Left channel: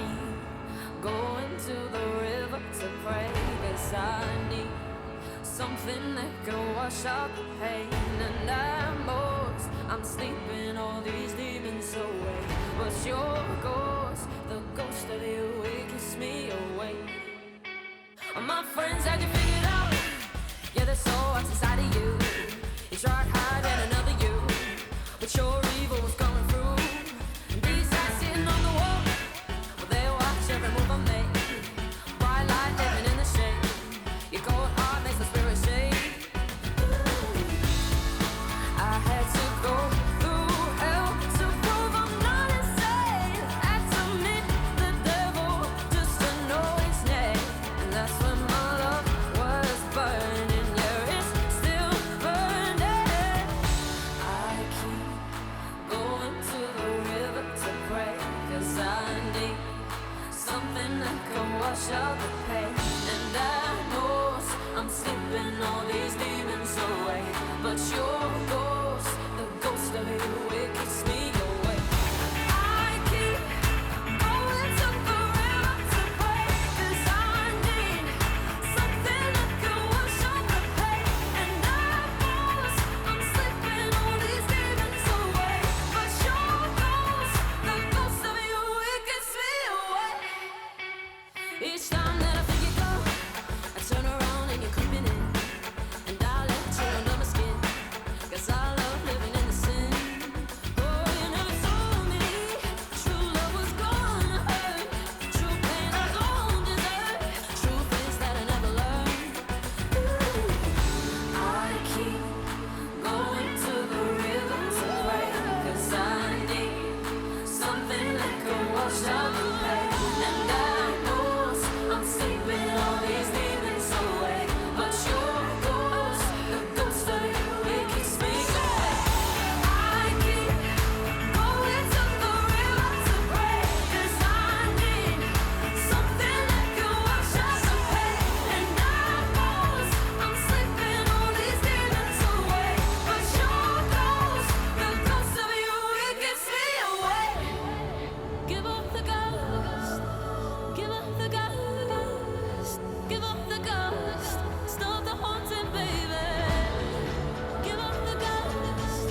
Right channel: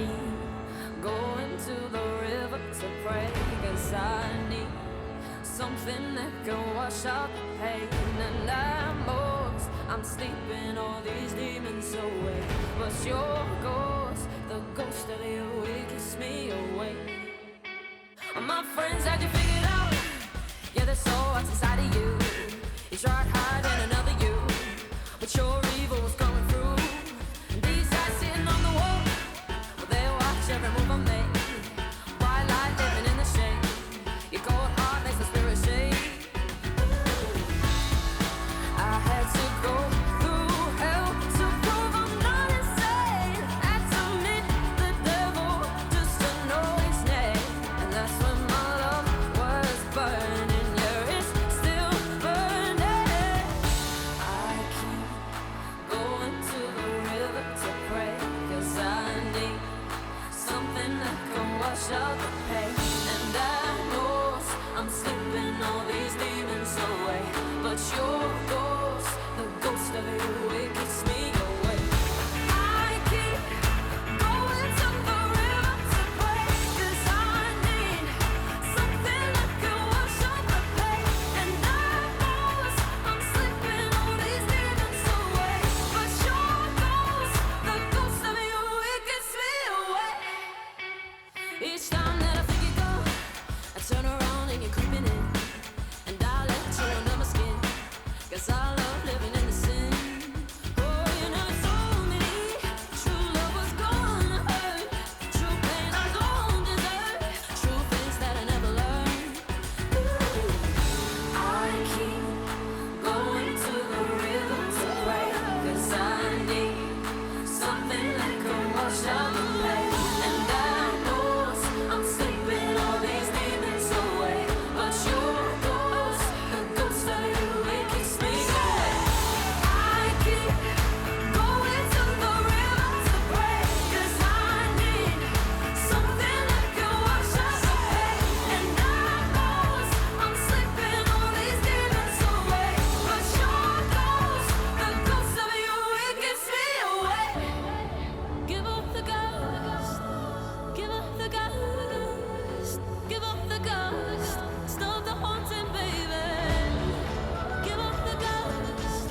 keep going to the river to pray, 'cause I need something that can wash out the pain. And I'm sleeping all these demons away, but your ghost, the ghost of you, it keeps me awake. My friends had you figured out. Yeah, there's so much inside of you. You tried hiding another you, but your evil was coming through. And these guys sitting on the wall, well, they watch every move I make. Bright light living in the shade. Your cold heart makes the spirit shake. I had to go through hell to prove I'm not insane. Had to meet the devil just to know his name. And that's when my love was burning. Yeah, it's still burning. I keep going to the river to pray, 'cause I need something that can wash out the pain. And I know I'm sleeping all these demons away, but your ghost, the ghost of you, it keeps me awake. I keep going to the river to pray, 'cause I need something that can wash out the pain. And I know I'm sleeping all these demons away, but your ghost, the ghost of you, it keeps me awake. Each time that I think you go, I turn around and you're creeping in, and I let you under my skin, 'cause I love living in the sin. Oh, you never told me true love was gonna hurt, true pain I don't deserve, true things that I never learned. Ooh, I keep going to the river to pray, 'cause I need something that can wash out the pain. And I know I'm sleeping all these demons away, but your ghost, the ghost of you, it keeps me awake. I keep going to the river to pray, 'cause I need something that can wash out the pain. And I know I'm sleeping all these demons away, but your ghost, the ghost of you, it keeps me awake. Give up the ghost, give up the ghost, give up the ghost, stop the haunting, baby. Give up the ghost,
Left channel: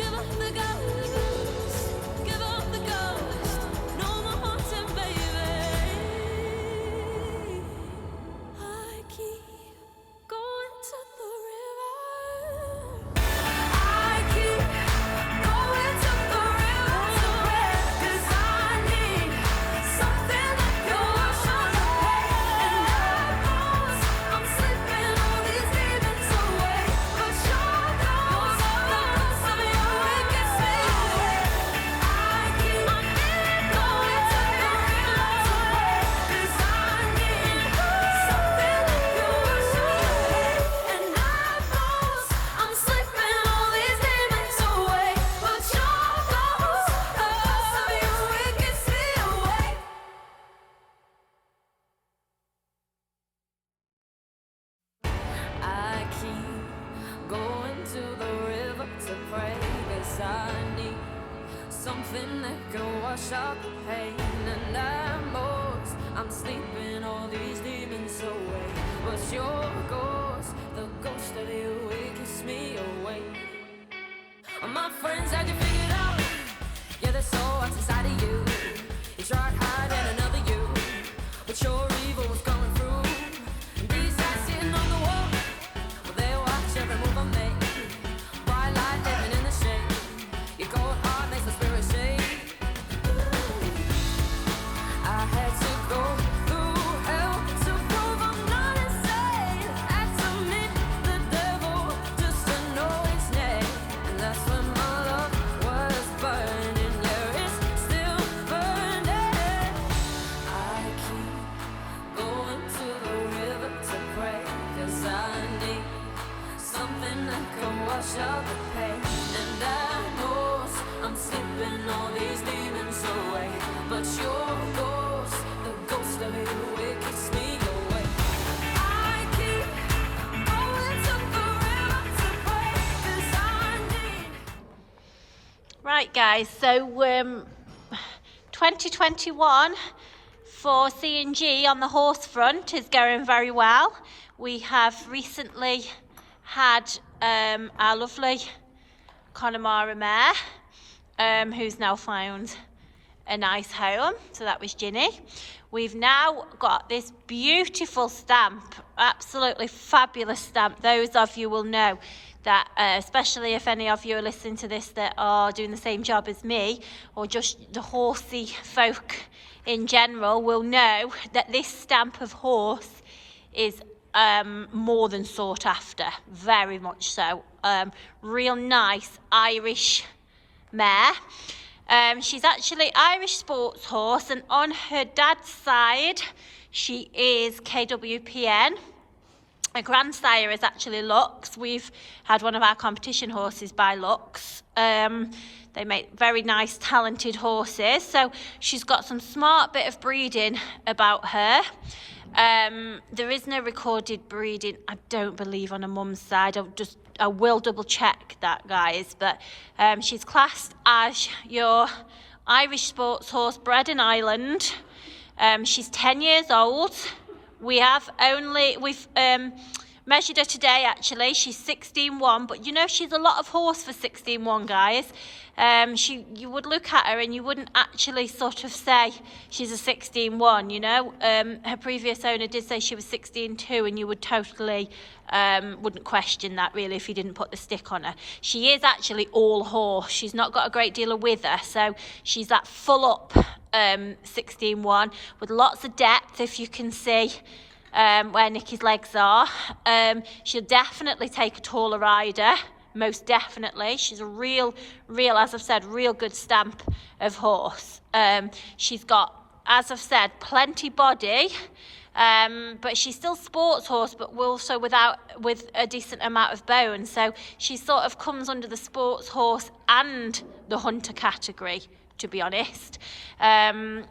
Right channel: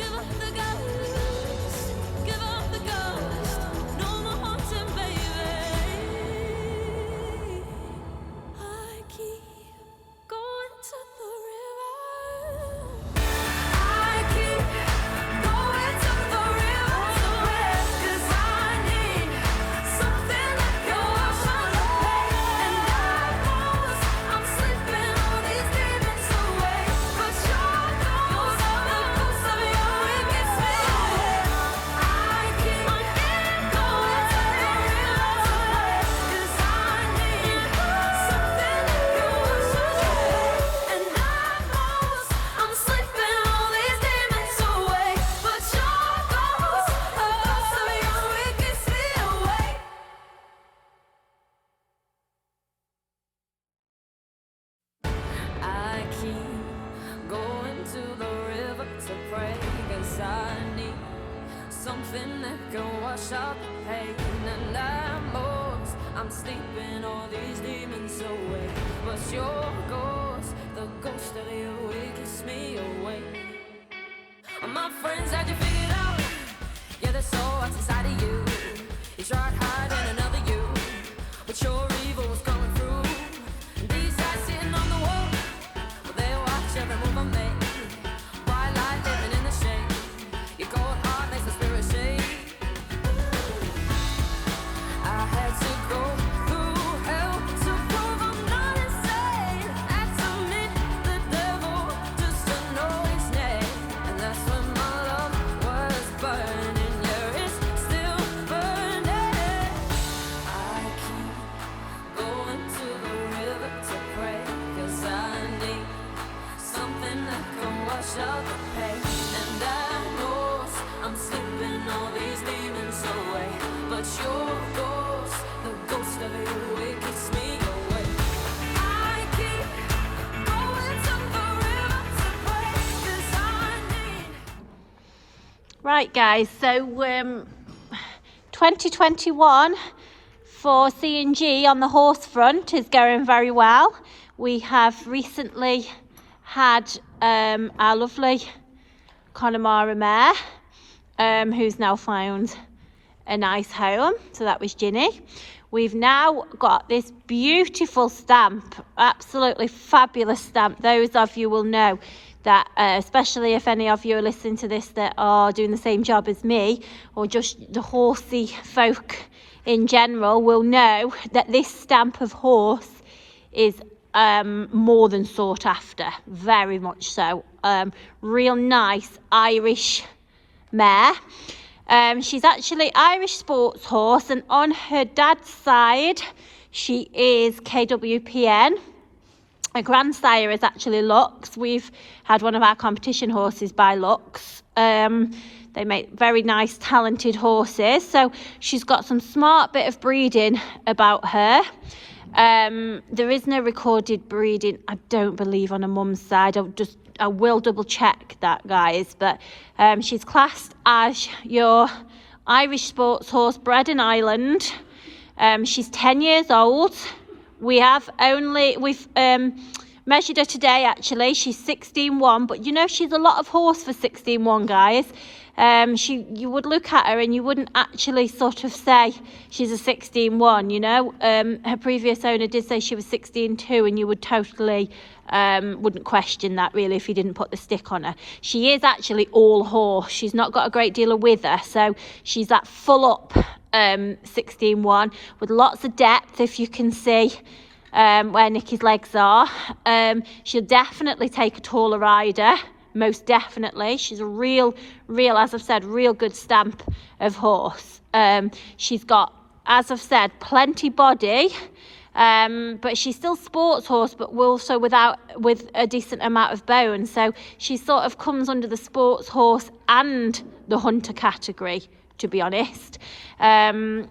give up the ghost, give up the ghost, no more haunting, baby. I keep going to the river. I keep going to the river to pray, 'cause I need something that can wash out the pain. And I know I'm sleeping all these demons away, but your ghost, the ghost of you, it gets me awake. I keep going to the river to pray, 'cause I need something that can wash out the pain. And I know I'm sleeping all these demons away, but your ghost, the ghost of you, it gets me awake. I keep going to the river to pray, 'cause I need something that can wash out the pain. And I'm sleeping all these demons away, but your ghost, the ghost of you, it keeps me awake. My friends had you figured out. Yeah, there's so much inside of you. You tried hiding another you, but your evil was coming through. And these guys sitting on the wall, well, they watch every move I make. Bright light living in the shade. Your cold heart makes the spirit shake. I had to go through hell to prove I'm not insane. Had to meet the devil just to know his name. And that's when my love was burning. Yeah, it's still burning. I keep going to the river to pray, 'cause I need something that can wash out the pain. And I know I'm sleeping all these demons away, but your ghost, the ghost of you, it keeps me awake. I keep going to the river to pray, 'cause I need. Right, guys, so 2021 for CnG on the horse front is going very well. We have recently had our lovely Connemara mare, who's now found a nice home. So that was Ginny. We've now got this beautiful stamp, absolutely fabulous stamp. Those of you will know that, especially if any of you are listening to this that are doing the same job as me, or just the horsey folk in general, will know that this stamp of horse is more than sought after, very much so. Real nice Irish mare. She's actually Irish sports horse, and on her dad's side she is KWPN. Her grandsire is actually Lux. We've had one of our competition horses by Lux. They make very nice talented horses, so she's got some smart bit of breeding about her. There is no recorded breeding, I don't believe, on a mum's side. I will double check that, guys, but she's classed as your Irish sports horse bred in Ireland. She's 10 years old. We've measured her today, actually. She's 16.1, but you know, she's a lot of horse for 16.1, guys. You would look at her and you wouldn't actually sort of say she's a 16.1, you know. Her previous owner did say she was 16.2, and you would totally wouldn't question that really if you didn't put the stick on her. She is actually all horse. She's not got a great deal of wither, so she's that full up 16.1 with lots of depth, if you can see where Nikki's legs are. She'll definitely take a taller rider, most definitely. She's a real, as I've said, real good stamp of horse. She's got, as I've said, plenty body, but she's still sports horse, but also with a decent amount of bone. So she sort of comes under the sports horse and the hunter category, to be honest.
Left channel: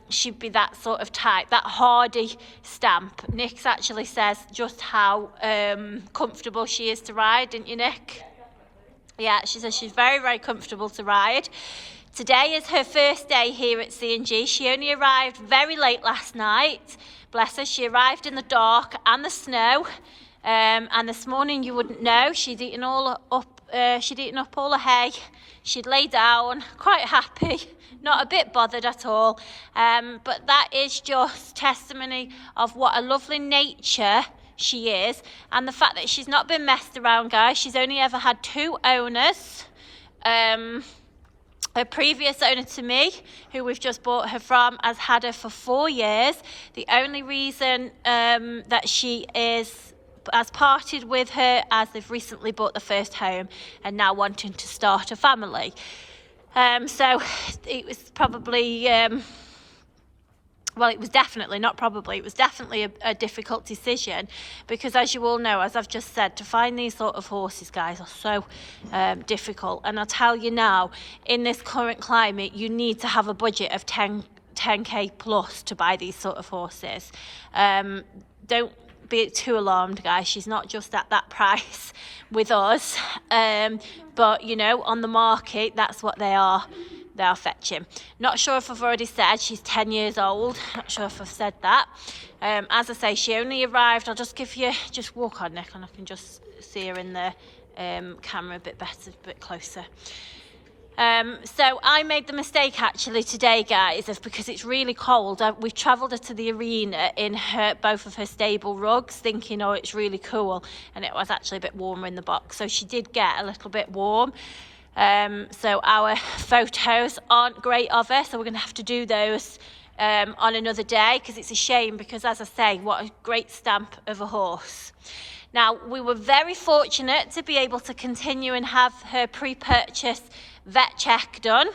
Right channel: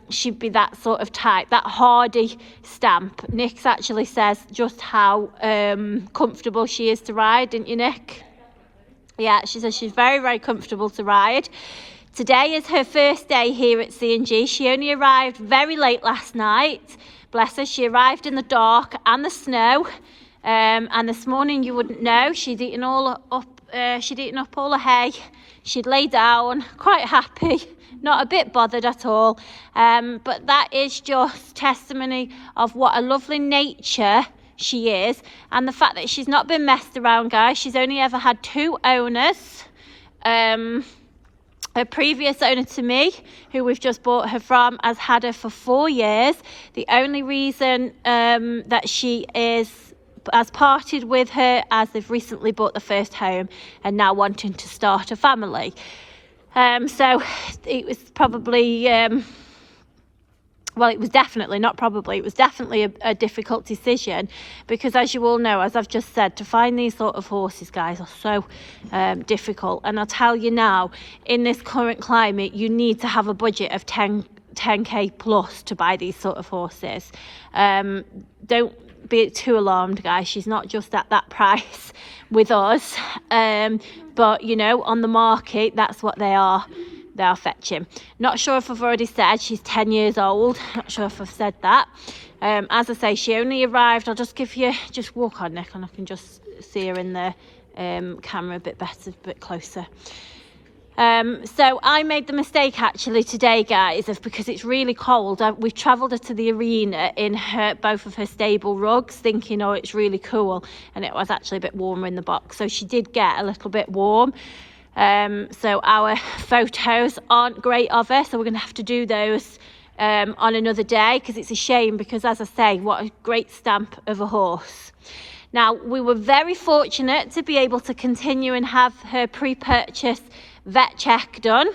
She'd be that sort of type, that hardy stamp. Nick actually says just how comfortable she is to ride, didn't you, Nick? Yeah, she says she's very, very comfortable to ride. Today is her first day here at CnG. She only arrived very late last night. Bless her, she arrived in the dark and the snow. And this morning, you wouldn't know, she'd eaten up all her hay. She'd lay down, quite happy, not a bit bothered at all. But that is just testimony of what a lovely nature she is, and the fact that she's not been messed around, guys. She's only ever had 2 owners. Her previous owner to me, who we've just bought her from, has had her for 4 years. The only reason that she has parted with her as they've recently bought the first home and now wanting to start a family. So it was probably well, it was definitely, not probably, it was definitely a difficult decision, because as you all know, as I've just said, to find these sort of horses, guys, are so difficult. And I'll tell you now, in this current climate, you need to have a budget of 10k plus to buy these sort of horses. Don't be too alarmed, guys. She's not just at that price with us, but you know, on the market, that's what they are fetching. Not sure if I've already said she's 10 years old. Not sure if I've said that. As I say, she only arrived, I'll just walk on, Nick, and I can just see her in the camera a bit better, a bit closer. So I made the mistake actually today, guys, is because it's really cold. We've travelled her to the arena in both of her stable rugs, thinking, oh, it's really cool, and it was actually a bit warmer in the box, so she did get a little bit warm. So our photos aren't great of her, so we're going to have to do those on another day, because it's a shame, because as I say, what a great stamp of a horse. Now, we were very fortunate to be able to continue and have her pre-purchase vet check done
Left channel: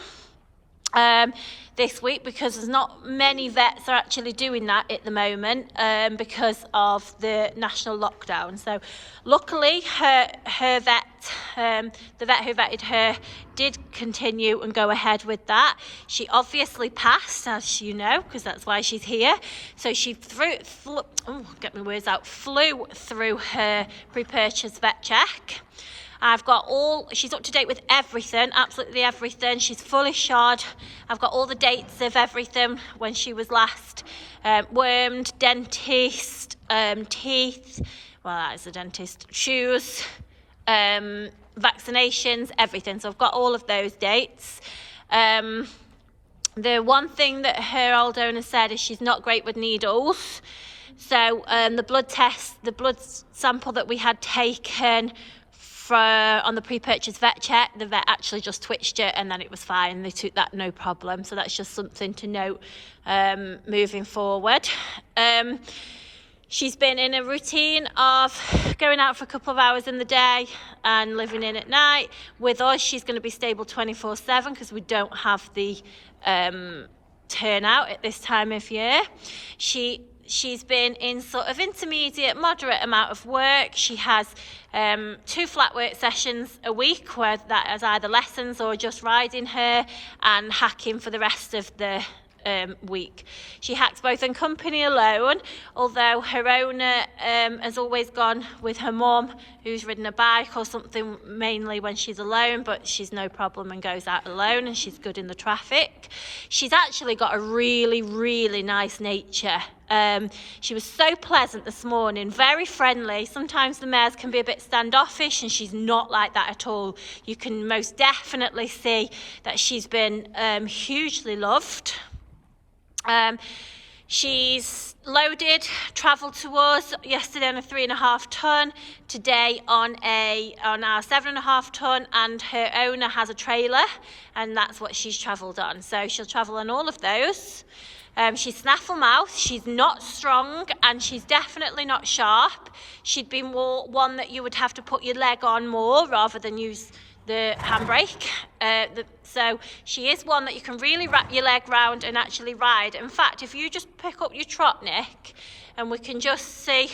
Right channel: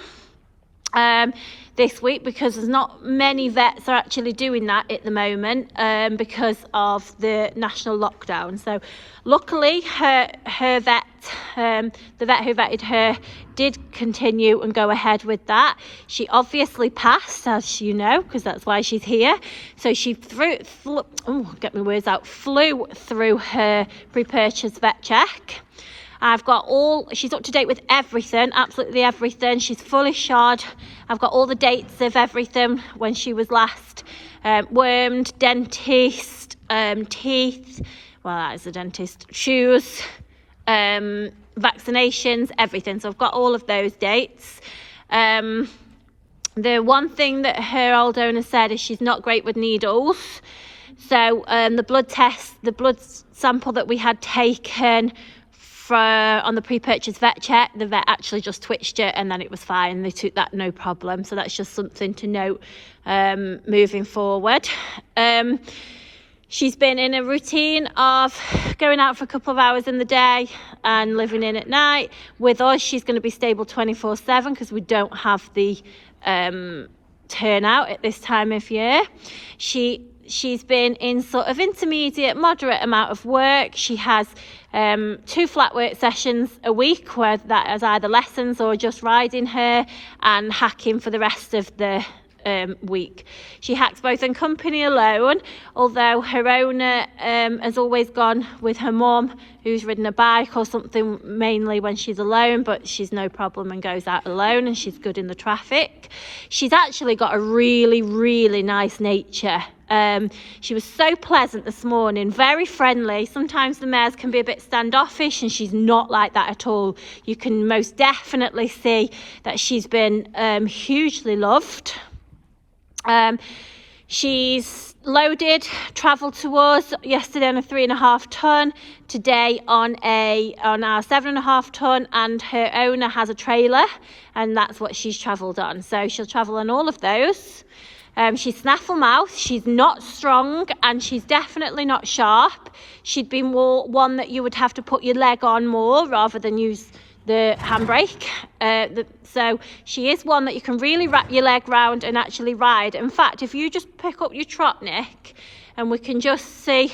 this week, because there's not many vets are actually doing that at the moment because of the national lockdown. So luckily her vet, the vet who vetted her, did continue and go ahead with that. She obviously passed, as you know, because that's why she's here. So she flew through her pre-purchase vet check. She's up to date with everything, absolutely everything. She's fully shod I've got all the dates of everything when she was last wormed, dentist, teeth, well, that is the dentist, shoes, vaccinations, everything. So I've got all of those dates. The one thing that her old owner said is she's not great with needles. So the blood sample that we had taken on the pre-purchase vet check, the vet actually just twitched it and then it was fine. They took that no problem. So that's just something to note moving forward. She's been in a routine of going out for a couple of hours in the day and living in at night. With us, she's going to be stable 24/7 because we don't have the turnout at this time of year. She's been in sort of intermediate, moderate amount of work. She has 2 flat work sessions a week, where that is either lessons or just riding her, and hacking for the rest of the week. She hacks both in company alone, although her owner has always gone with her mum, who's ridden a bike or something, mainly when she's alone, but she's no problem and goes out alone, and she's good in the traffic. She's actually got a really, really nice nature. She was so pleasant this morning, very friendly. Sometimes the mares can be a bit standoffish, and she's not like that at all. You can most definitely see that she's been hugely loved. She's loaded, travelled to us yesterday on a 3.5 ton, today on our 7.5 ton, and her owner has a trailer, and that's what she's travelled on. So she'll travel on all of those. She's snaffle mouth, she's not strong, and she's definitely not sharp. She'd be more one that you would have to put your leg on more rather than use the handbrake. So she is one that you can really wrap your leg round and actually ride. In fact, if you just pick up your trot neck, and we can just see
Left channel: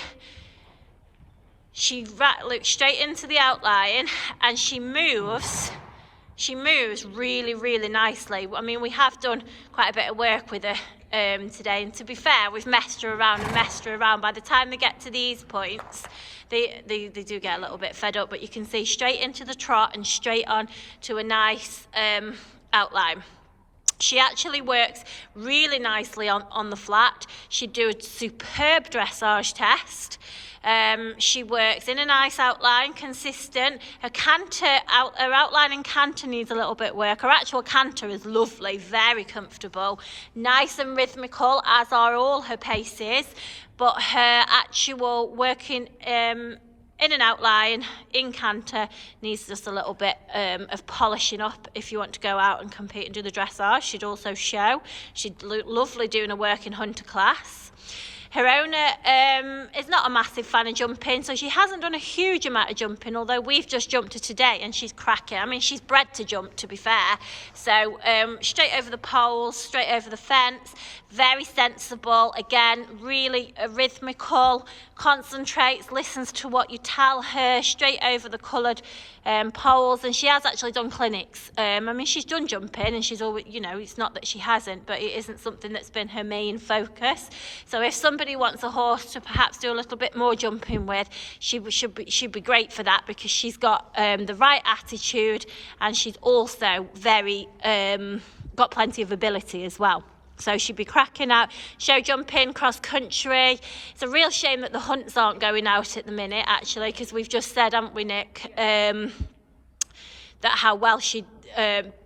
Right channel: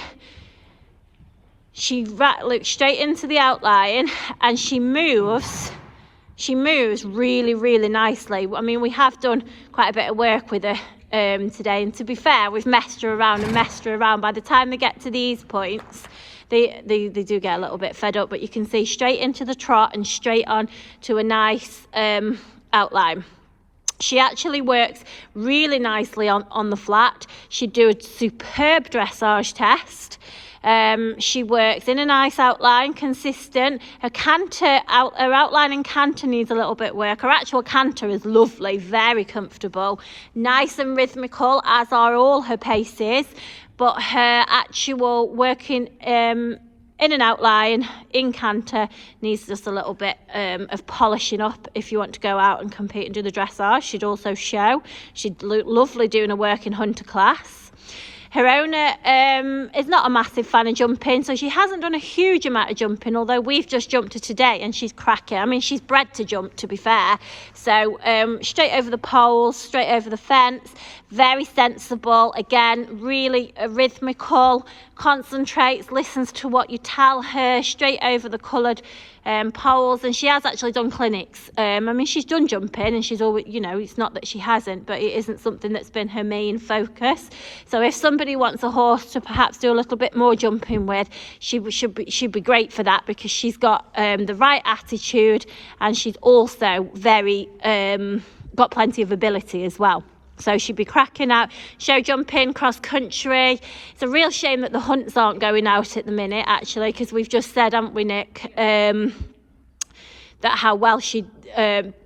she looks straight into the outline, and she moves really, really nicely. I mean, we have done quite a bit of work with her today, and to be fair, we've messed her around. By the time they get to these points, they do get a little bit fed up, but you can see straight into the trot and straight on to a nice outline. She actually works really nicely on the flat. She'd do a superb dressage test. She works in a nice outline, consistent. Her outline and canter needs a little bit of work. Her actual canter is lovely, very comfortable, nice and rhythmical, as are all her paces. But her actual working in an outline, in canter, needs just a little bit of polishing up if you want to go out and compete and do the dressage. She'd also show. She'd look lovely doing her work in hunter class. Her owner is not a massive fan of jumping, so she hasn't done a huge amount of jumping, although we've just jumped her today and she's cracking. I mean, she's bred to jump, to be fair. So straight over the poles, straight over the fence, very sensible. Again, really rhythmical, concentrates, listens to what you tell her, straight over the coloured poles. And she has actually done clinics. I mean, she's done jumping, and she's always, you know, it's not that she hasn't, but it isn't something that's been her main focus. So if somebody wants a horse to perhaps do a little bit more jumping with, she'd be great for that, because she's got the right attitude, and she's also very got plenty of ability as well. So she'd be cracking out, show jumping, cross country. It's a real shame that the hunts aren't going out at the minute, actually, because we've just said, haven't we, Nick, that how well she'd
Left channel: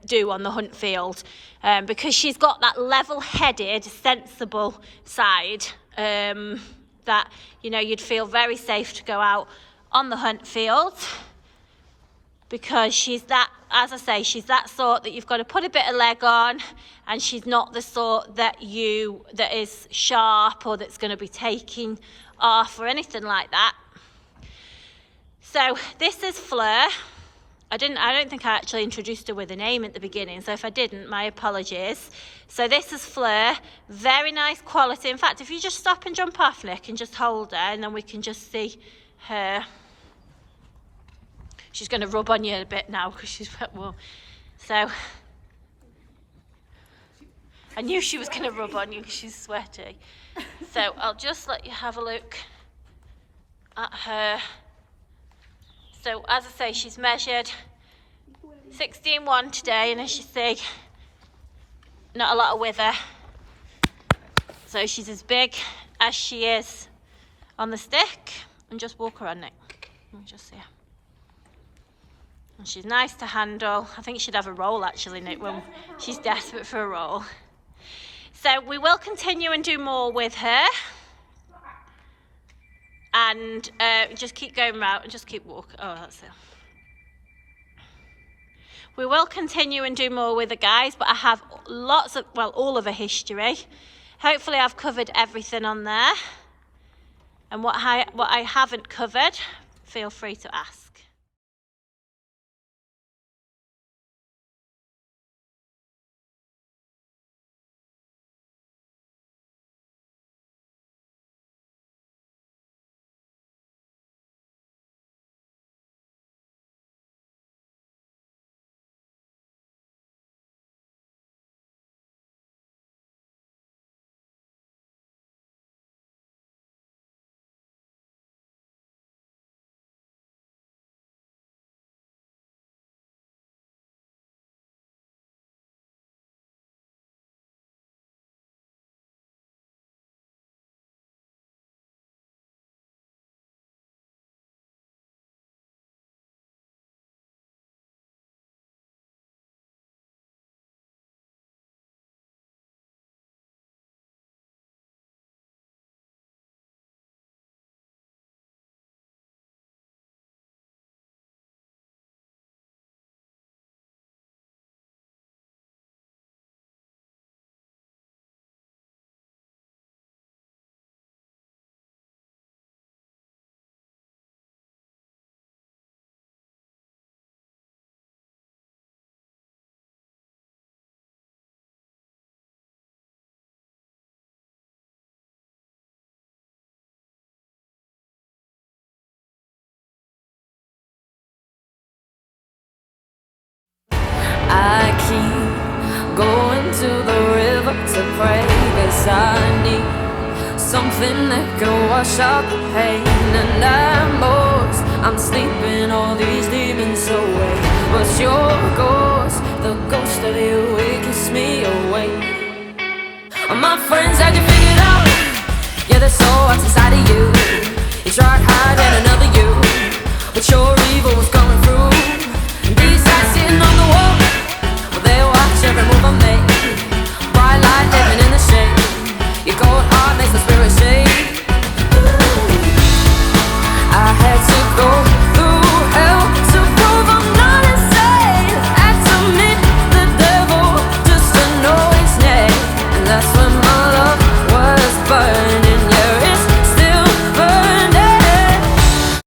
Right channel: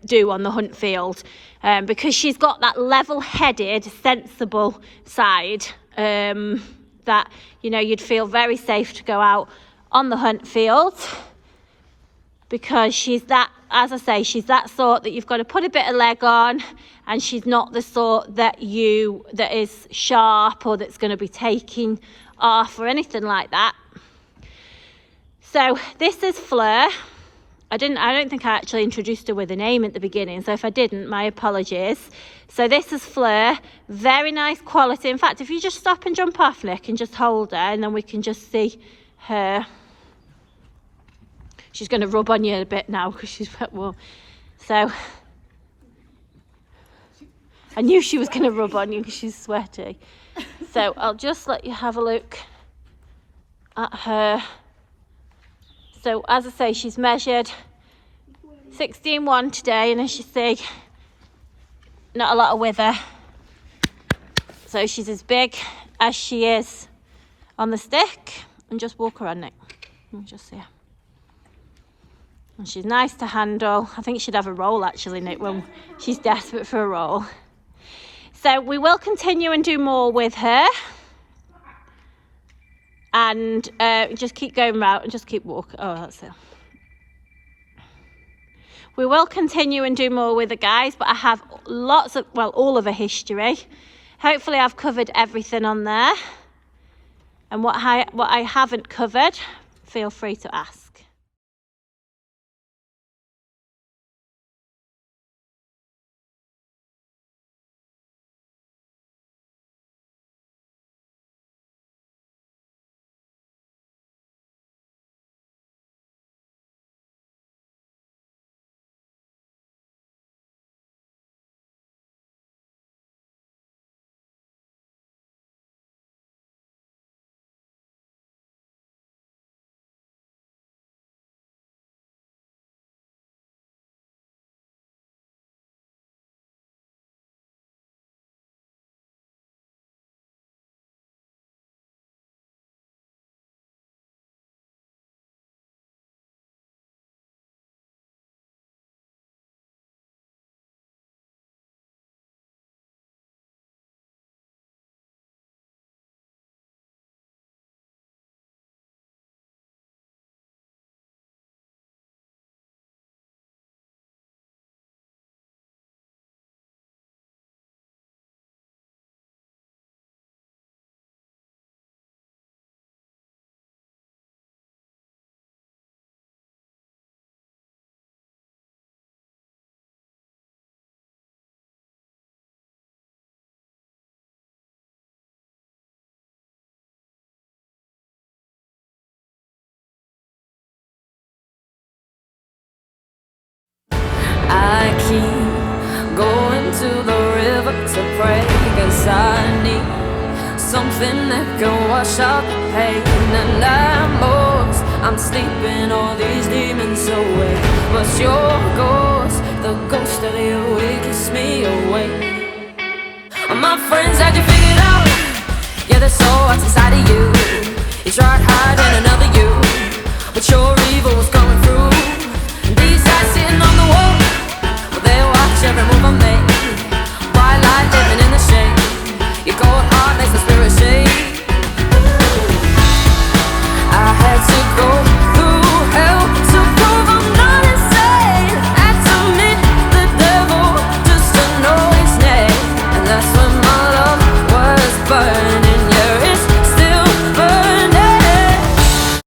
do on the hunt field, because she's got that level-headed, sensible side that, you know, you'd feel very safe to go out on the hunt field, because she's that, as I say, she's that sort that you've got to put a bit of leg on. And she's not the sort that is sharp or that's going to be taking off or anything like that. So this is Fleur. I don't think I actually introduced her with a name at the beginning. So if I didn't, my apologies. So this is Fleur. Very nice quality. In fact, if you just stop and jump off, Nick, and just hold her, and then we can just see her. She's going to rub on you a bit now because she's a bit more. So I knew she was going to rub on you because she's sweaty. So I'll just let you have a look at her. So as I say, she's measured 16.1 today, and as you see, not a lot of wither. So she's as big as she is on the stick. And just walk her on, Nick. Just see her. And she's nice to handle. I think she'd have a roll actually, Nick, when she's desperate for a roll. So we will continue and do more with her. And just keep going round and just keep walking. Oh, that's it. We will continue and do more with the guys, but I have lots of, well, all of a history. Hopefully I've covered everything on there. And what I haven't covered, feel free to ask. I keep going to the river to pray, 'cause I need something that can wash out the pain. And I'm sleeping all these demons away, but your ghost, the ghost of you, it keeps me awake. My friends had you figured out, yeah, there's so what's inside of you. You tried hiding another you, but your evil was